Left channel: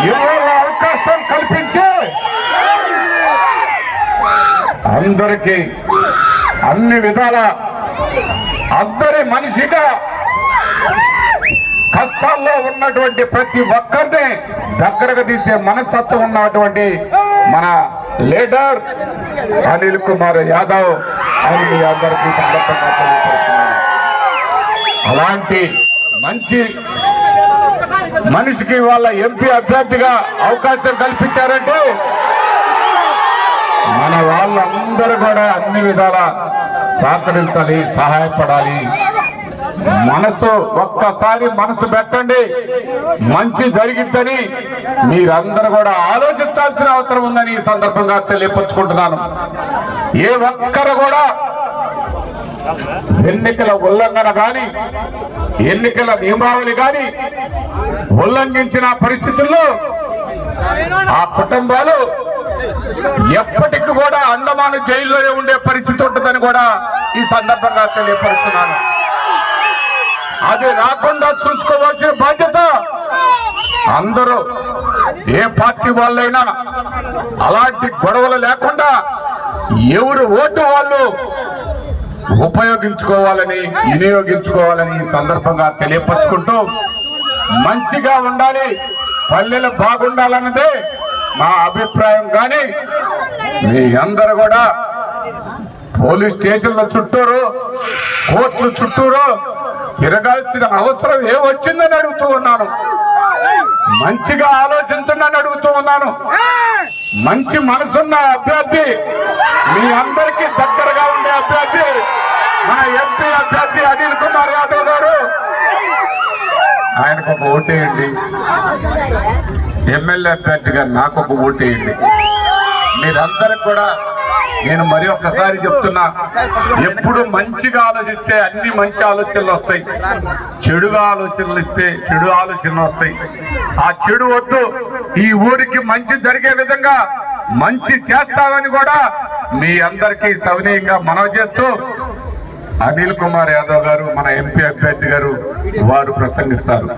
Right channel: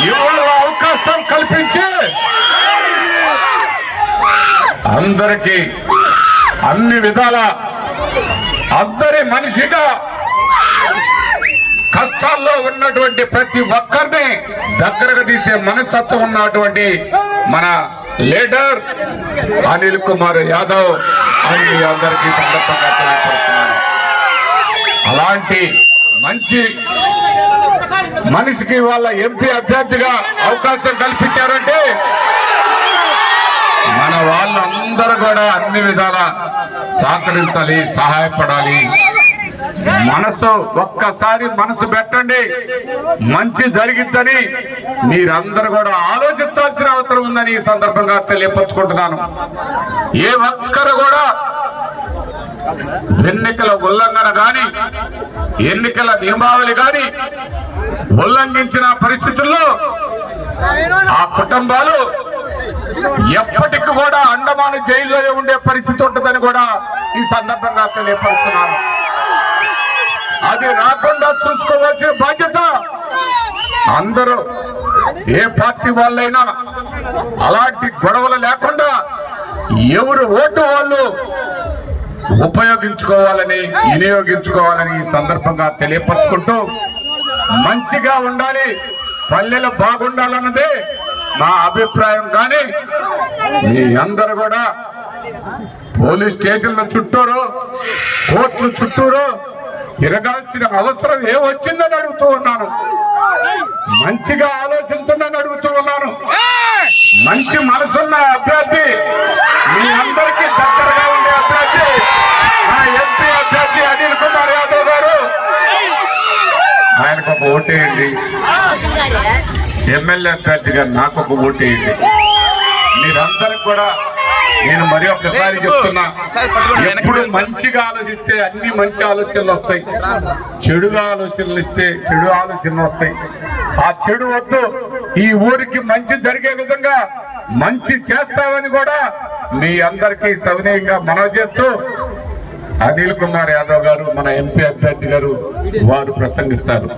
ఇవాళ అవకాశం కల్పించి అందరికీ అన్ని విధాల అందరి మనిషిగా కష్టాల్లో ఉన్నటువంటి ప్రతి ఒక్కరిని దగ్గరకు తీసే మనస్తత్వం ఉన్నటువంటి మన లీడర్ అనిల్ కుమార్ యాదవ్ అని మీ అందరికీ సందర్భంగా తెలియపడుతున్నాను అలాంటి మంచి మనిషికి వాళ్ళ ఎంపీ అభ్యర్థిగా అవకాశం కల్పించారంటే మన వాళ్ళందరూ కూడా అన్ని విధాల సహకరించాలి సహాయపడాలి. మనసు ఒక్కసారి మనసు పెట్టండి. మంచి జరిగిద్దని మీరందరూ కూడా ఆలోచించాల్సిన అవసరం ఉందని ఈ సందర్భంగా తెలియపరుచుకుంటున్నాను. ఏ ఒక్కరు కూడా ఎన్నికల ఉల్లంఘన గాని ఎన్నికల నియమావళి గాని ఉల్లంఘించిన పరిస్థితుల్లో ఆ కుటుంబాలు ఎప్పటికి కూడా అండమాన జైల్లోనే ఉండే పరిస్థితి ఉంటుందని కూడా ఈ సందర్భంగా తెలియపరుస్తున్నాను. అది రాకుండా చూసుకోవాల్సిన బాధ్యత అందరూ ఏ పార్టీ వాళ్ళైనా అలాంటి గొడవలు లేకుండా ఎవరు ఓటు వాళ్ళు ఉపయోగించుకోవాలని వినియోగించుకోవాలని ఈ సందర్భంగా తెలియపరుచుకుంటూ మంచిగా ఉండాలి. పల్లెలు బాగుండాలన్నదే నా అభిప్రాయం. కానీ మీ అందరూ కూడా పోలీస్ స్టేషన్ల చుట్టూరు కోర్టుల చుట్టూరు తిరగాల్సిన అవసరం ఏమొచ్చిందని అడుగుతూ ఉన్నాను. మంచిగా ఆలోచించండి అడుగుతూ ఉన్నాను. మంచి మనసున్న అభ్యర్థి మీ అందరికీ దగ్గరగా ఉండే అభ్యర్థి మా ఎంపీ అభ్యర్థి అనిల్ కుమార్ యాదవ్ గారు. ఆయనకు ఒక ఓటేయండి ఎమ్మెల్యే అభ్యర్థిగా నాకు ఒక ఓటేయండి మీరందరూ కూడా నేను మరి ఒక్కసారి చెప్తున్నా ఎప్పుడు మంచిగా ఆలోచిస్తే అన్ని మంచి ఆలోచనలు వస్తాయి. చెడుగా ఆలోచనలు ఇస్తే చెడు ఆలోచనలు వస్తాయి. ఆ చెడు వద్దు. ఈ ఊరికి మంచి జరిగే విధంగా మంచి చేస్తామని కూడా మీ అందరికీ సవినయంగా మనవి చేస్తూ అనిల్ కుమార్ యాదవ్ గారు మన ఎంపీ అభ్యర్థి గారు వారు ప్రసంగిస్తారు.